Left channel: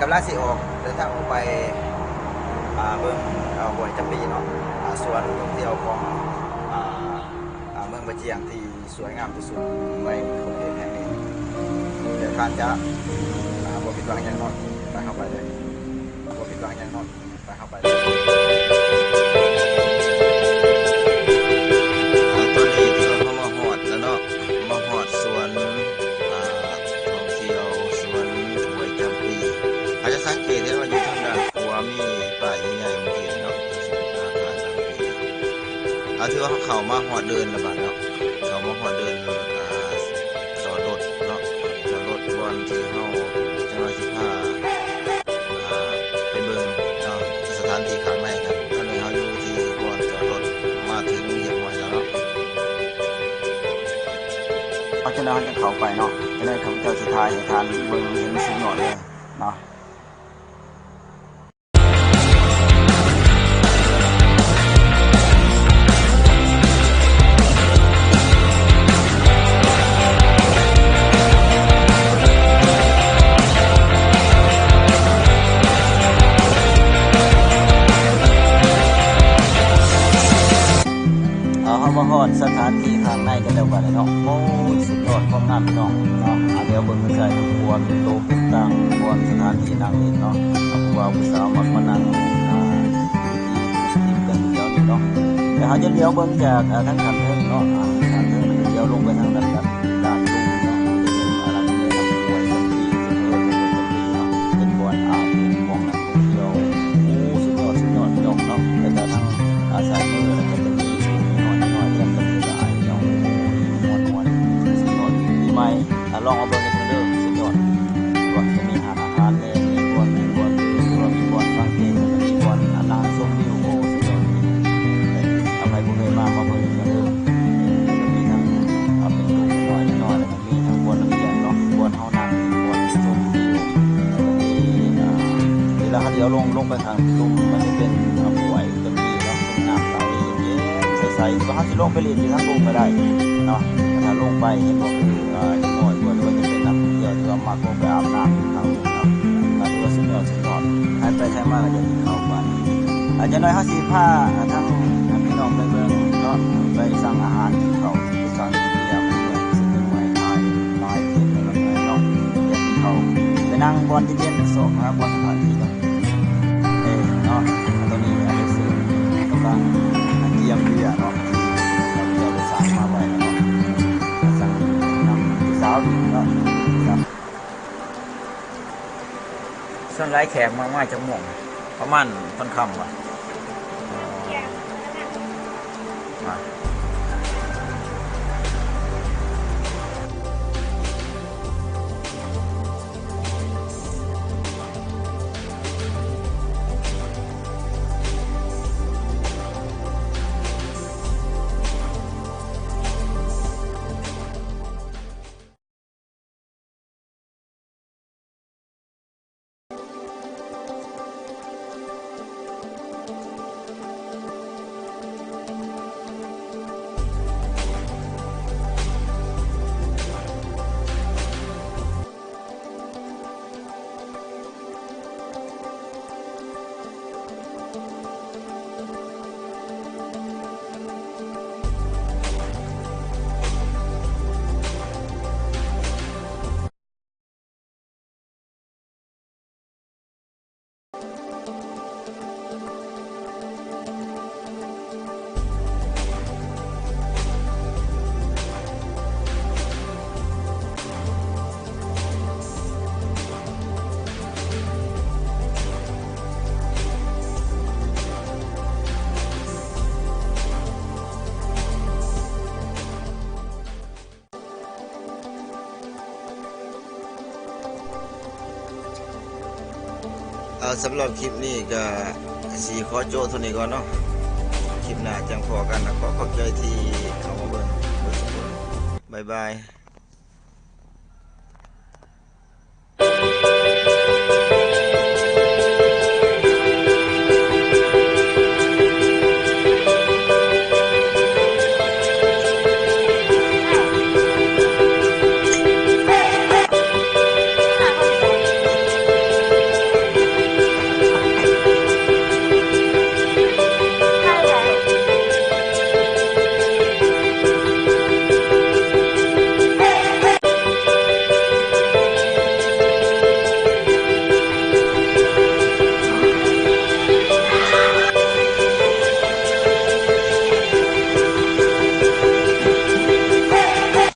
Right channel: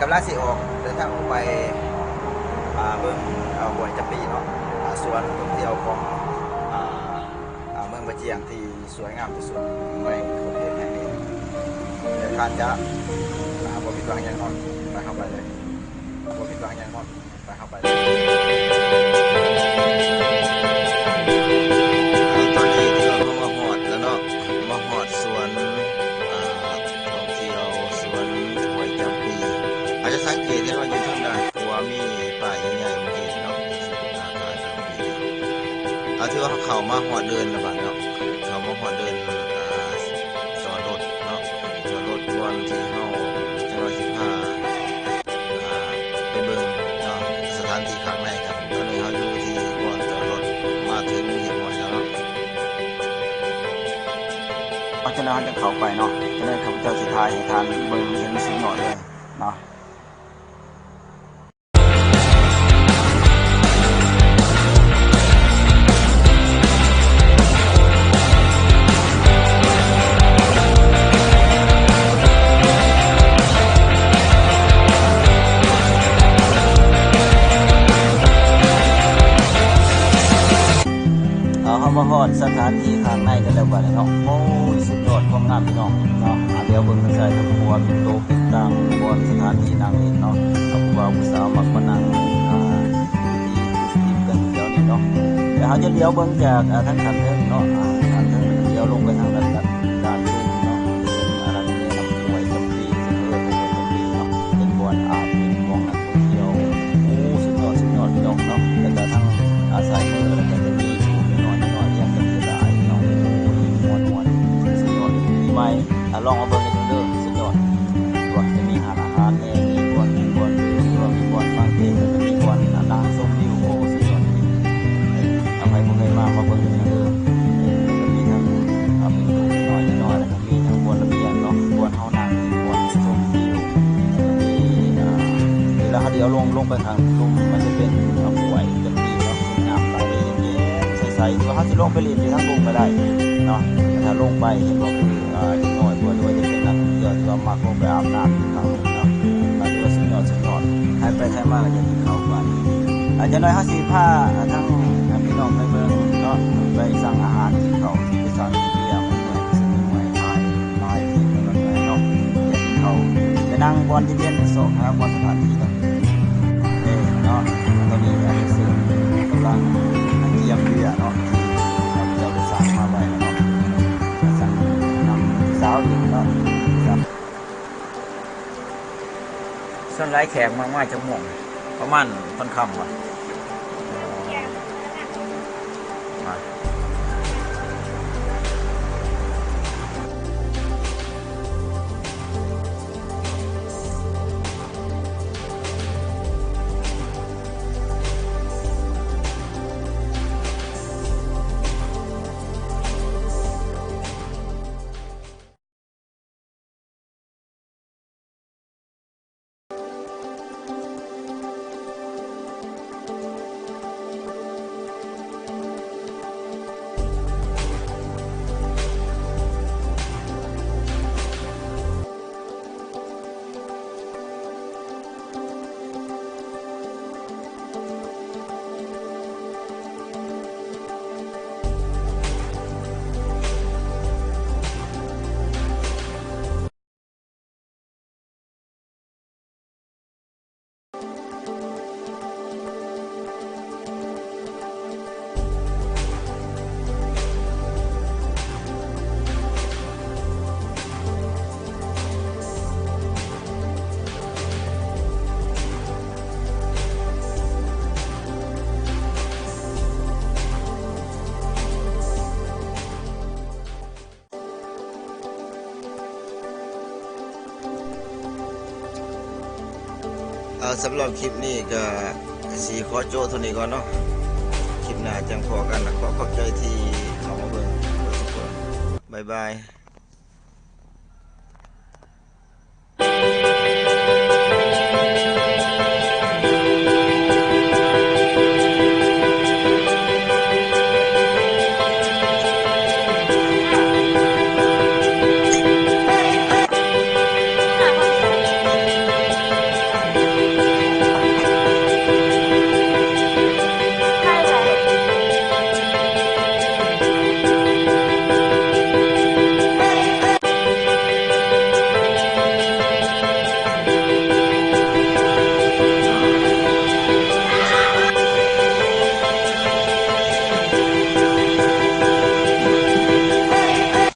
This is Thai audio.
กำลังสิออกเดินทางออกไปเบิ่งห้วยจำปีเนาะสวนท่องเที่ยวของเมืองบะเจียงที่สวยงามที่สุดในประเทศแห่งนี้เดี๋ยวท่านจะบ่ผิดหวังอย่างนอนไปเข้าไปเลยบ่ผิดหวังอย่างนอนไปเข้าไปเลยตอนนี้ที่เราเข้ามาหอดแล้วเนาะมาหอดสวนท่องเที่ยวสวนห้วยจำปีอาจจะสังเกตได้ว่าอยู่ทางด้านขวามีป่าใหญ่ๆมาเห็นเนาะที่ว่าเขามาหอดเดินระบาดเนาะเขามาหอดเดินจอดรถเนาะจอดรถบอนที่เขาจังหวัดสิบห้าไปเบิ่งเนาะสถานที่ข้างในกันตอนนี้เขาอยู่ที่บอนจอดรถมาถึงเหี่ยมหอยแล้วเนาะเพราะฉะนั้นจะเข้าไปเนาะจะได้ข้าพเจ้าสุดท้ายให้ทานเบิ่งเห็นสิ่งหน่อยเลยเนาะเขามาฮอดสถานที่ข้างในกันแล้วบัดนี้เนาะโอ้ยสุดยอดความงามพี่น้องเนาะเดี๋ยวเบิ่งใส่ทั้งครัวเป็นโตเป็นตังบอนสถานที่นั่งเล่นเนาะผู้บ่าวผู้สาวมักมานั่งที่กันเดียวนี่เนาะเดี๋ยวเขาจะเลี้ยวเบิ่งจากทั้งขันเทิงเนาะขันเทิงแล้วก็เลี้ยวลงไปทางด้านลุ่มเนาะจะเป็นอะไรนี่น้ำห้วยจำปีซึ่งห้วยจำปีเนาะเป็นบ่อนอาบเป็นมองนักท่องเที่ยวโอ้สุดยอดพี่น้องเนาะแล้วก็ทั้งสายมือแล้วก็จะมีสูงน้อยเรียกกันกระจายเนาะม้วนสุดยอดปีใหม่ลองเอาเบิ่งกันเด้อสุดยอดส่วนจะมีอาหารแม่มีบอนดื่มหรือว่ามีบอนฟังเพลงแล้วก็มีบอนนั่งชมวิวโอ้สุดยอดอภัยบ่เคยมาเบิ่งกันเด้อแล้วก็มีทั้งเป็นตู้น้อยแล้วก็มีทั้งบอนระเบียงเนาะบอนเฮานั่งบอนชมวิวแล้วก็มีแล้วเขาเดี๋ยวลงไปทางลุ่มมันจะเป็นห้วยจำปีเนาะเป็นน้ำไหลเย็นๆใสๆที่ว่าเขาจะลงไปเล่นอยู่ทั้งลุ่มก็ได้เนาะถ้าลงไปเห็นบอกคือจะหน่อยบัวด้วยจะเป็นนักท่องเที่ยวที่ว่ามักลงไปอาบน้ำอยู่ทางลุ่มเนาะที่ว่าสุดยอดใครไปใครมาก็จะกินข้าวไปอาจจะน้อยเขาสีผ้าทั้งพี่น้องไปเบิ่งเนาะไปสั่งอาหารกินข้าวไปสั่งเบียร์เมื่อยซึ่งเมื่อยทายลายเป็นอะไรเงี้ยเนาะอยากกินข้าวไปนั่งบอลเย็นๆโศกหาบอลสถานที่กันเนาะตอนนี้อาจจะเสริมกำลังเยี่ยมเบียร์เนาะเราจะไปสั่งมาไว้เนาะสั่งนำสาวอีกเนาะส่วนไร้แขกมากๆจะม่วงประมาณค่อนค่ำว่ะสำหรับคลิปนี้ก็สีขอโจ้เท่านี้ก่อนเนาะคลิปหน้าจังพอกันนะขอขอบใจที่เข้ามาเบิ่งทุกคนบ๊ายบาย